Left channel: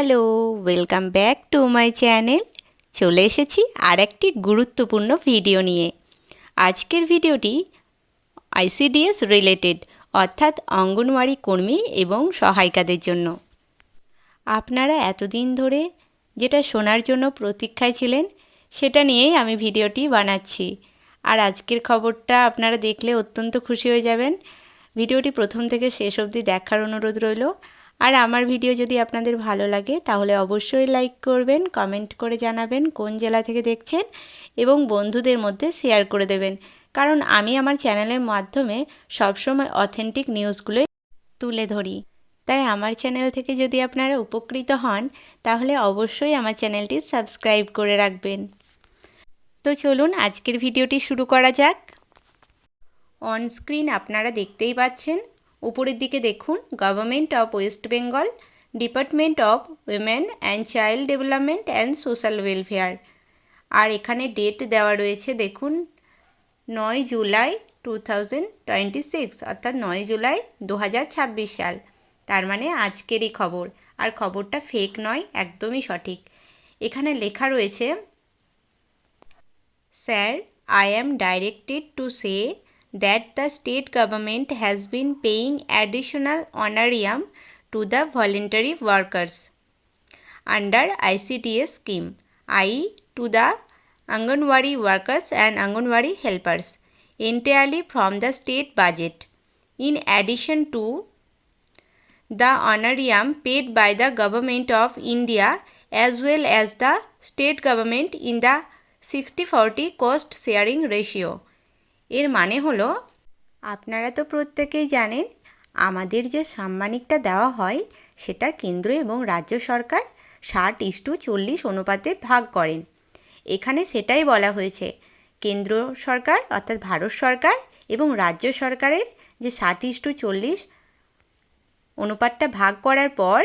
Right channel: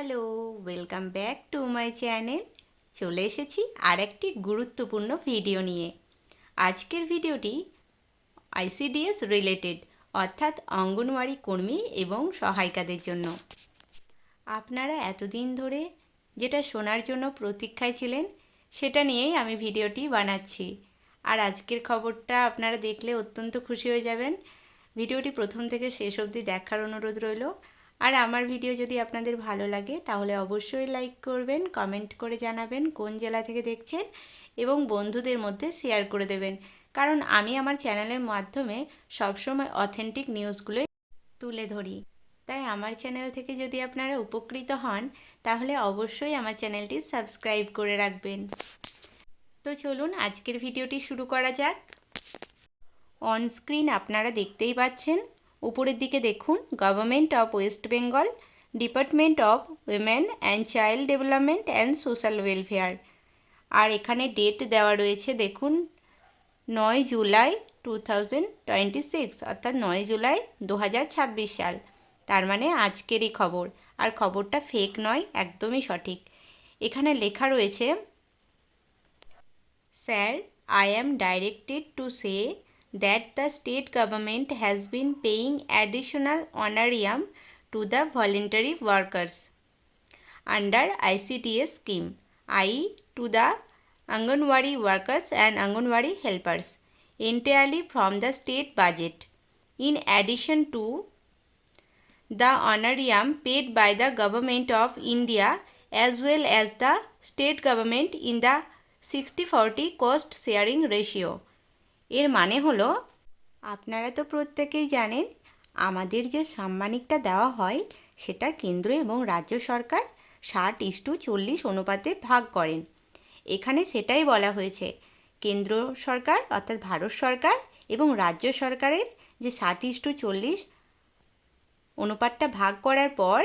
Hello, welcome back to my channel. চলে এসেছি আর একটি গুরুত্বপূর্ণ ভিডিও নিয়ে। আজকের ভিডিওটি আইসিডিএস রিলেটেড, অর্থাৎ অঙ্গনওয়াড়ি কর্মী এবং সহায়িকাদের জন্য। আপনারা এতদিন ধরে যেটা শোনার জন্য প্রতীক্ষায় ছিলেন, সেটা নিয়েই আমি ভিডিওটি বানাচ্ছি। আর আজকের খবরটা আপনারা দেখলে অত্যন্ত খুশি হয়ে যাবেন। ভিডিওটি প্রথম থেকে শেষ অবধি দেখার অনুরোধ রইল। আর আমার ভিডিও যদি আপনাদের ভালো লাগে তাহলে অবশ্যই লাইক করবেন, কমেন্ট করে জানাবেন কোন জেলা থেকে দেখছেন এবং বন্ধুদের মধ্যে শেয়ার করে দেবেন, কারণ আমি আমার চ্যানেলের মাধ্যমে সবসময় অথেন্টিক নিউজগুলোই তুলে ধরি। তাই আমার চ্যানেল থেকে যদি আপনারা উপকৃত হন তাহলে অবশ্যই আমার চ্যানেলটি সাবস্ক্রাইব করে রাখবেন। তো চলুন আজকের ভিডিওটি শুরু করা যাক। অন স্ক্রিন আপনারা দেখতেই পাচ্ছেন, উপরের দিকে দেখুন government of West Bengal, department of women and child development and social welfare. আর এখানে ডেট দেওয়া রয়েছে, দেখুন 9 জুলাই 2026, অর্থাৎ 9 জুলাই 2026 সাল। তার মানে আজকেরই খবর। আর খবরটা ফেক নয়, একদমই সঠিক। এখানে লেখা রয়েছে, sir, I am directed to say that the state government has been paying additional honorarium to the voluntary workers under ICDS scheme, i.e. to the Anganwadi workers and Anganwadi helpers, entirely from the state budget, in addition to the honorarium paid by the Government of India as well as the state government in the 60-40 cost sharing ratio। এর মানে হলো, আপনারা তো প্রত্যেকেই জানেন আমাদের যে সাম্মানিকটা দেওয়া হয় সেটা কেন্দ্র এবং রাজ্য সরকার 60:40 অনুপাতে ভাগ করেন। এখানে সেটাই বলা হয়েছে, কেন্দ্র সরকার অর্থাৎ ভারত সরকার এবং রাজ্য সরকারের যে 60:40 অনুপাতটা ভাগ করার পর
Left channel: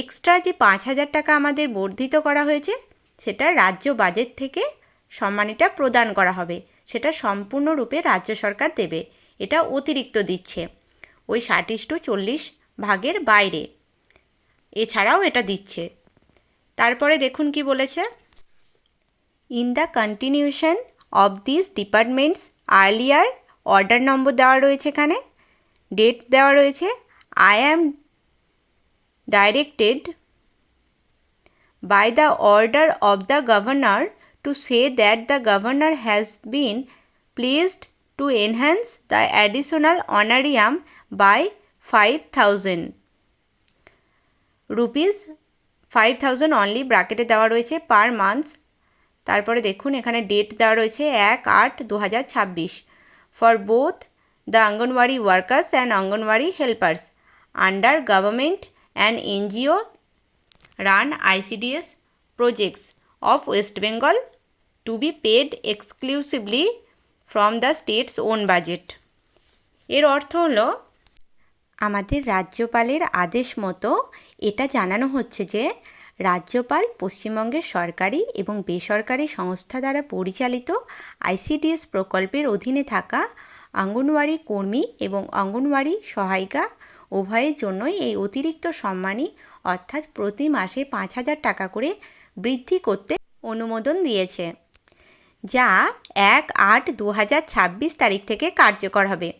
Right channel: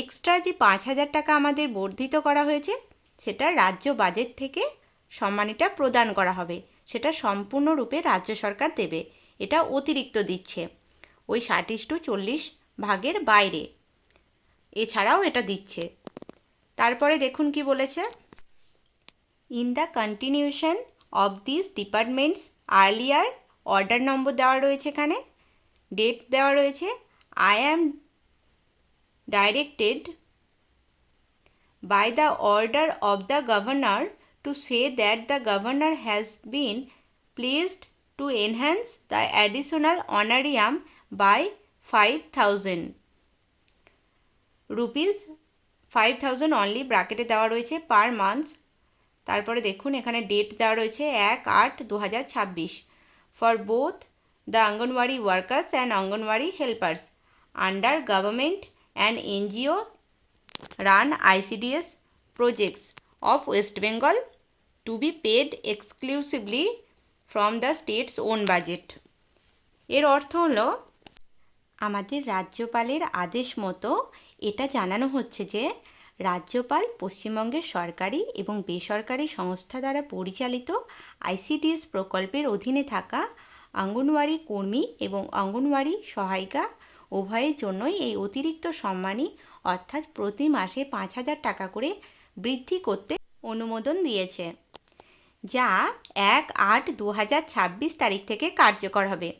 এক্সট্রা যে 5,000 টাকা আমাদের বর্ধিত করা হয়েছে সেটা রাজ্য বাজেট থেকে সম্মানীটা প্রদান করা হবে। সেটা সম্পূর্ণরূপে রাজ্য সরকার দেবে, এটা অতিরিক্ত দিচ্ছে ওই 60:40 ভাগের বাইরে, এছাড়াও এটা দিচ্ছে। তারপরে দেখুন কি বলেছে, in the continuation of this departments earlier, order number দেওয়া রয়েছে, এখানে ডেট দেওয়া রয়েছে, I am directed by the order of the governor to say that the governor has been pleased to enhance the additional honorarium by 5,000 rupees, 5,000 only ব্র্যাকেটে দেওয়া রয়েছে per month. তারপরে দেখুন এখানে ডেট দেওয়া রয়েছে 1/8/2026 for both the anganwadi workers and anganwadi helpers under government and NGO run ICDS projects of West Bengal to be paid exclusively from the state's own budget। এর অর্থ হলো, আমাদের রাজ্যপালের আদেশ মতো এটা জানানো হচ্ছে যে রাজ্যপাল পশ্চিমবঙ্গের সরকারি এবং বেসরকারি সংস্থা দ্বারা পরিচালিত আইসিডিএস প্রকল্পের অধীনে থাকা অঙ্গনওয়াড়ি কর্মী এবং অঙ্গনওয়াড়ি সহায়িকা উভয়ের জন্যই এই অতিরিক্ত সম্মানী অর্থাৎ প্রতি মাসে 5,000 টাকা করে বৃদ্ধি করতে অনুমোদন দিয়েছে, যা 1/8/2026 তারিখ থেকে কার্যকর হবে।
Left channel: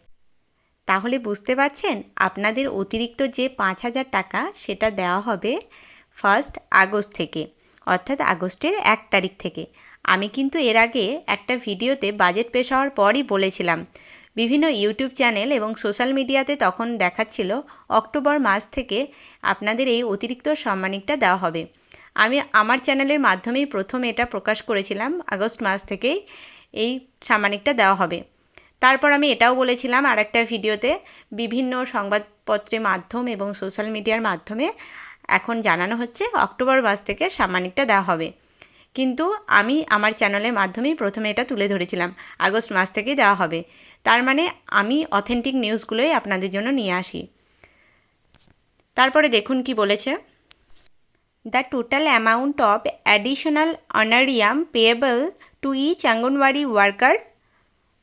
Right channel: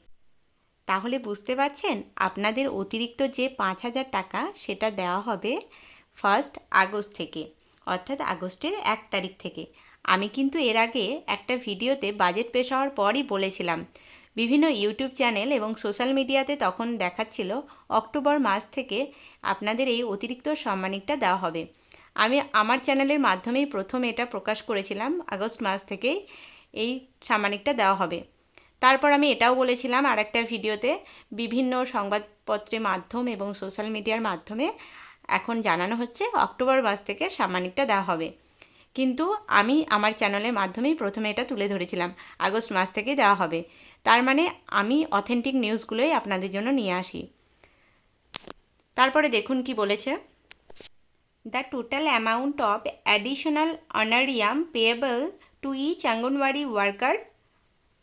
তাহলে বুঝতে পারছেন আপনাদের অতিরিক্ত যে 5,000 টাকা সেটা দেওয়া হবে 1 আগস্ট থেকে, অর্থাৎ আগস্টের 1 তারিখ থেকে। আমি কিন্তু এর আগে একটা ভিডিওতে বাজেট পেশ হওয়ার পরই বলেছিলাম, বিভিন্ন ইউটিউব চ্যানেল এবং সোশ্যাল মিডিয়াতে তখন দেখাচ্ছিল অক্টোবর মাস থেকে আপনাদের এই অতিরিক্ত সম্মানিকটা দেওয়া হবে। আমি আমার চ্যানেলের মাধ্যমেই প্রথম এটা প্রকাশ করেছিলাম, আগস্ট মাস থেকেই এই সাম্মানিকটা দেওয়া হবে। তারপর আমি এটাও বলেছিলাম আর একটা ভিডিওতে, বিভিন্ন সংবাদপত্রের মাধ্যম এবং সোশ্যাল মিডিয়ার মাধ্যমে এখন জানানো হচ্ছে অক্টোবর মাস থেকে সাম্মানিকটা দেওয়া হবে, কিন্তু আমি আমার চ্যানেলের মাধ্যমেই প্রথমে এটা তুলে ধরেছিলাম আগস্ট মাস থেকেই দেওয়া হবে। তার মানে আমি অথেন্টিক নিউজগুলোই আপনাদের জন্য নিয়ে আসি। তারপরে দেখুন কি বলেছে, the total amount of additional honorarium payable to each anganwadi worker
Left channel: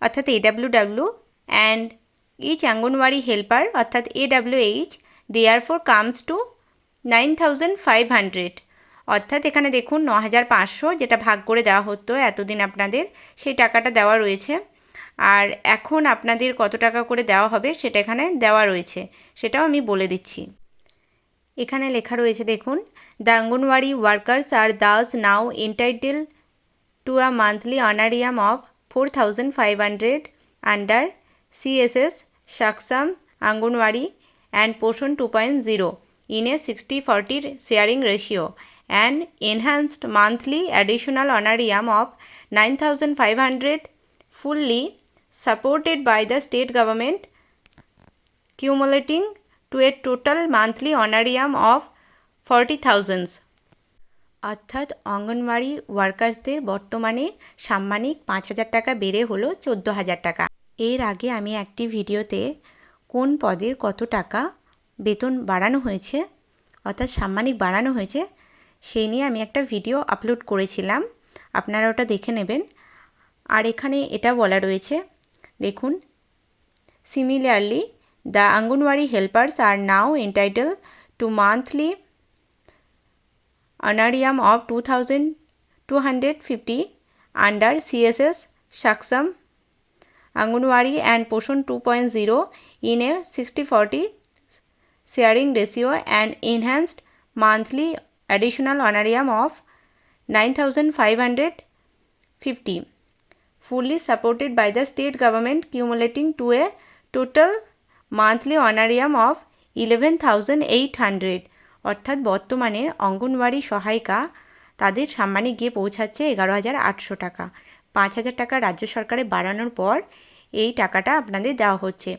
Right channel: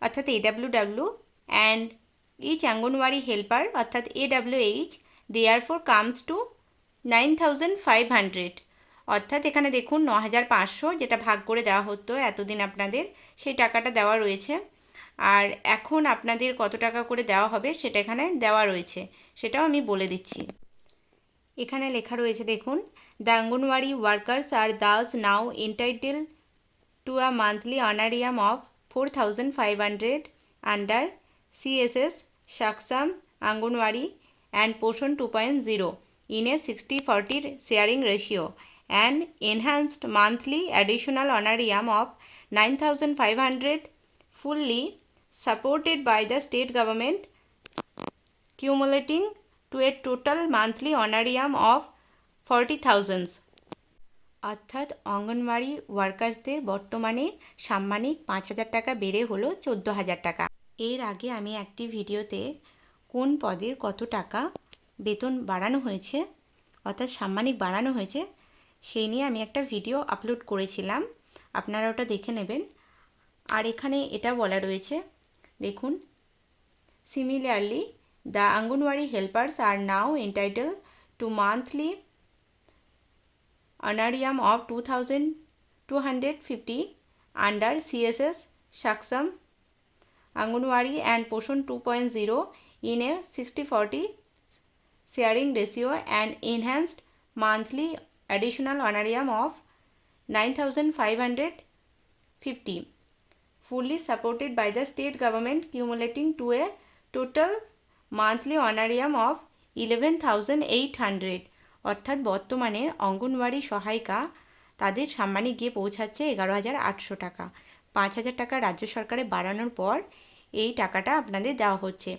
অর্থাৎ AWW and each Anganwadi helper অর্থাৎ AWH therefore comes to 9,500, অর্থাৎ এখানে দেখুন 9,500 যেটা ভাগ করে দেওয়া হতো এতদিন আপনাদের, সেই টাকাটা দেওয়া রয়েছে। আর এখন আপনাদের কত টাকা করে দেওয়া হবে সেটা এখানে দেওয়া রয়েছে, সেটাও আমি বলে দিচ্ছি। এখানে লেখা রয়েছে দেখুন, the anganwadi workers are thus now entitle to a monthly honorarium of 4,500 under CSS Saksham Anganwadi and Poshan 2.0 in a 60-40 sharing ratio, and enhanced monthly additional honorarium of 9,500 fully supported by the state government, cumulating to a total monthly honorarium of 40,000। অর্থাৎ অঙ্গনওয়াড়ি ওয়ার্কার্সদের বর্তমানে সাম্মানিক 5,000 টাকা বেড়ে হলো 14,000 টাকা। এর আগে আমি একটি ভিডিওতে কোন পদের কত টাকা বেতন বাড়ানো হয়েছে অর্থাৎ সাম্মানিক বাড়ানো হয়েছে সেই নিয়ে আমি একটা ভিডিও আপলোড করেছিলাম, আপনারা ওটা দেখে নেবেন। আর এখানে এটা বলা রয়েছে দেখুন, similarly the anganwadi helpers are now entitle to monthly honorarium of 2,250 under CSS Saksham Anganwadi and Poshan 2.0 in a 60-40 sharing ratio, and enhanced monthly additional honorarium of 9,550 fully supported by the state government, cumulating to a total monthly honorarium of 11,800। অর্থাৎ বর্তমানে অঙ্গনওয়াড়ি সহায়িকা তাদের সাম্মানিক গিয়ে পৌঁছাচ্ছে 11,800 টাকা। 5,000 টাকা রাজ্য সরকারে বাড়ানোর পর এই টাকাটা আপনাদের দেওয়া হচ্ছে।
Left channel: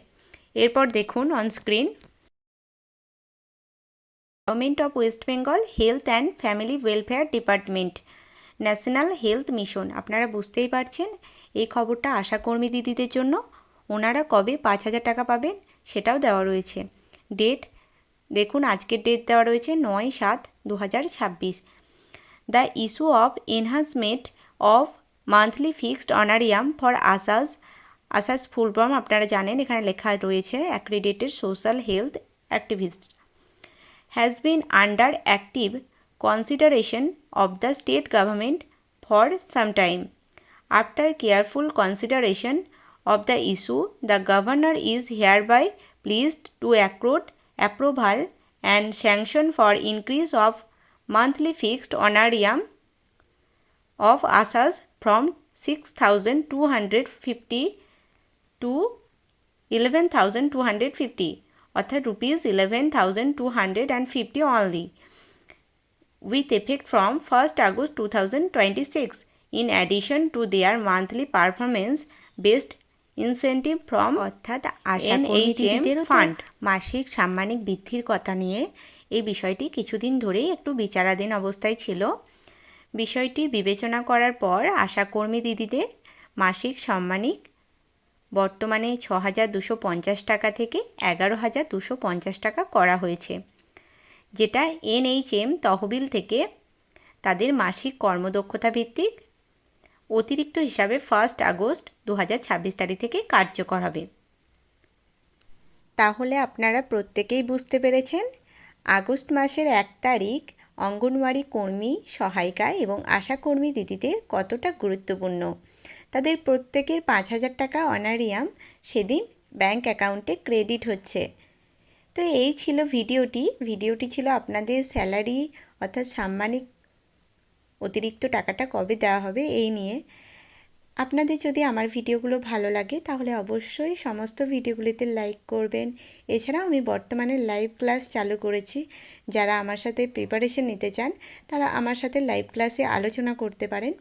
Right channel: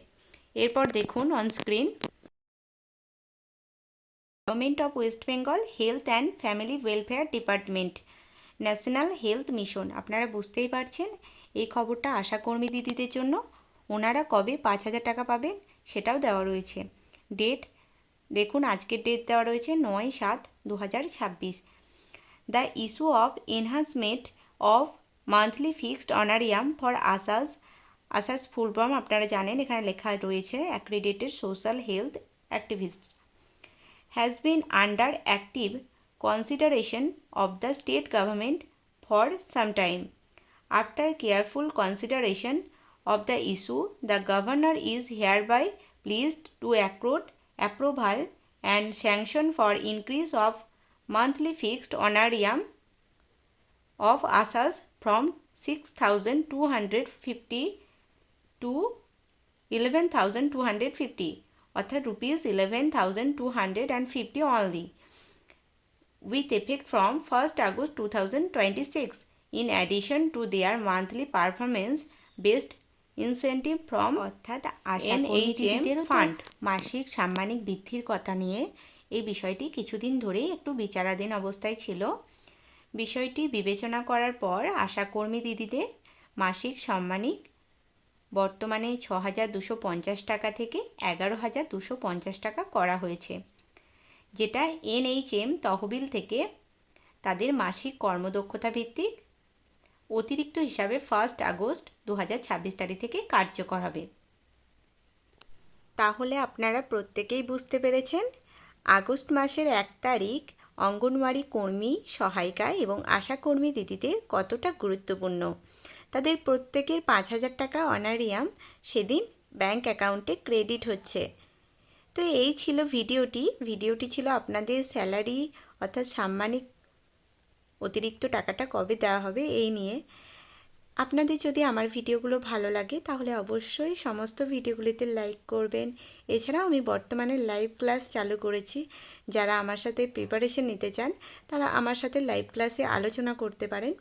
এরপর দেখুন on screen, government of West Bengal health and family welfare department national health mission. আপনারা বুঝতেই পারছেন এই খবরটা আশাকর্মী দিদিদের জন্য। ওনারা কবে 5,000 টাকা পাবেন সেটাও দেওয়া রয়েছে। ডেট দেখুন, আজকের ডেট দেওয়া রয়েছে 9/7/2026। The issue of enhancement of monthly fixed honorarium for ASHAs, ASHAs full form আপনারা জানেন, এখানে লেখা রয়েছে accredited social health activist, has been under active consideration of the state government for some time. After careful consideration of the issue, the governor is hereby pleased to accord approval and sanction for increase of monthly fixed honorarium of ASAs from 6,250 to 11,250, অর্থাৎ rupees 11,250 only, with effect from 1st August 2026, in addition to their monthly performance based incentive from, অর্থাৎ আশাকর্মীদের fund মাসিক সাম্মানিক বৃদ্ধির কথা নিয়ে এই বিষয়টি কিছুদিন ধরেই একটু বিচারাধীন অবস্থায় ছিল। বিষয়টি বিবেচনা করার পর আশাকর্মী দিদিদের মাসিক সাম্মানিক বর্তমানে 6,250 টাকা থেকে 11,250 টাকা করা হয়েছে, যেটা NHM তহবিল থেকে তাদের মাসিক কর্মদক্ষতা ভিত্তিক অতিরিক্ত হিসাবে 1 আগস্ট 2026 তারিখ থেকে কার্যকর হবে। তাহলে আপনারা প্রত্যেকেই বুঝতে পেরেছেন আগস্ট মাসের 1 তারিখ অঙ্গনওয়াড়ি কর্মী, সহায়িকা এবং আশাকর্মী দিদিদের কতটা গুরুত্বপূর্ণ। তাদের প্রত্যেকের 5,000 টাকা অনারিয়াম সেদিন ব্যাংক অ্যাকাউন্টে ক্রেডিট হচ্ছে। তো এই ছিল ভিডিওটি ছিল আপনাদের স্যালারি অর্থাৎ সাম্মানিক অতিরিক্ত টাকাটা কবে দেওয়া হবে এই নিয়ে। আপনাদের যদি আমার ভিডিওগুলো ভালো লাগে তাহলে অবশ্যই সমস্ত ভিডিওগুলিতে লাইক করবেন। এছাড়াও আমি বর্তমানে লাইভ ক্লাস চালু করেছি, যারা আমার সাথে প্রিপারেশন নিতে চান তারা আমার সাথে লাইভ ক্লাসে আলোচনা করতে পারেন।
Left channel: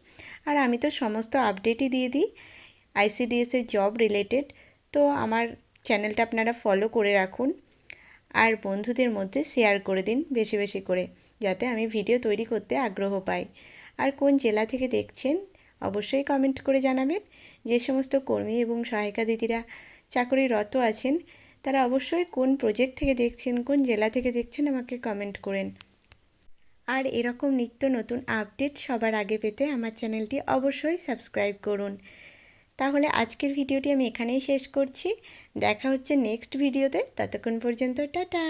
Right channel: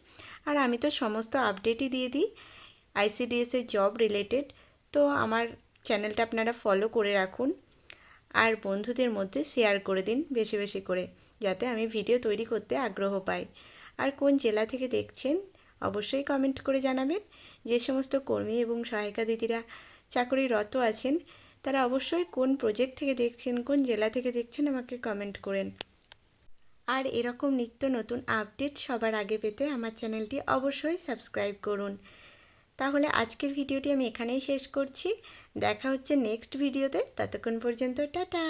আর আমি তো সমস্ত আপডেটই দিয়ে দিই ICDS-এর জব রিলেটেড। তো আমার চ্যানেলটা আপনারা ফলো করে রাখুন আর বন্ধুদের মধ্যে শেয়ার করে দিন বেশি বেশি করে, যাতে আমি ভিডিও তৈরি করতে আগ্রহ পাই। আর কোন জেলা থেকে দেখছেন অবশ্যই কমেন্ট করে জানাবেন। যে সমস্ত কর্মী এবং সহায়িকা দিদিরা চাকরিরত আছেন তারা অবশ্যই কোন প্রজেক্ট থেকে দেখছেন, কোন জেলা থেকে দেখছেন আমাকে কমেন্ট করেন। আর এরকম নিত্য নতুন আপডেট সবার আগে পেতে আমার চ্যানেলটি অবশ্যই সাবস্ক্রাইব করুন। তাহলে আজকের ভিডিওটি আমি এখানেই শেষ করছি। দেখা হচ্ছে নেক্সট ভিডিওতে, ততক্ষণ পর্যন্ত টাটা।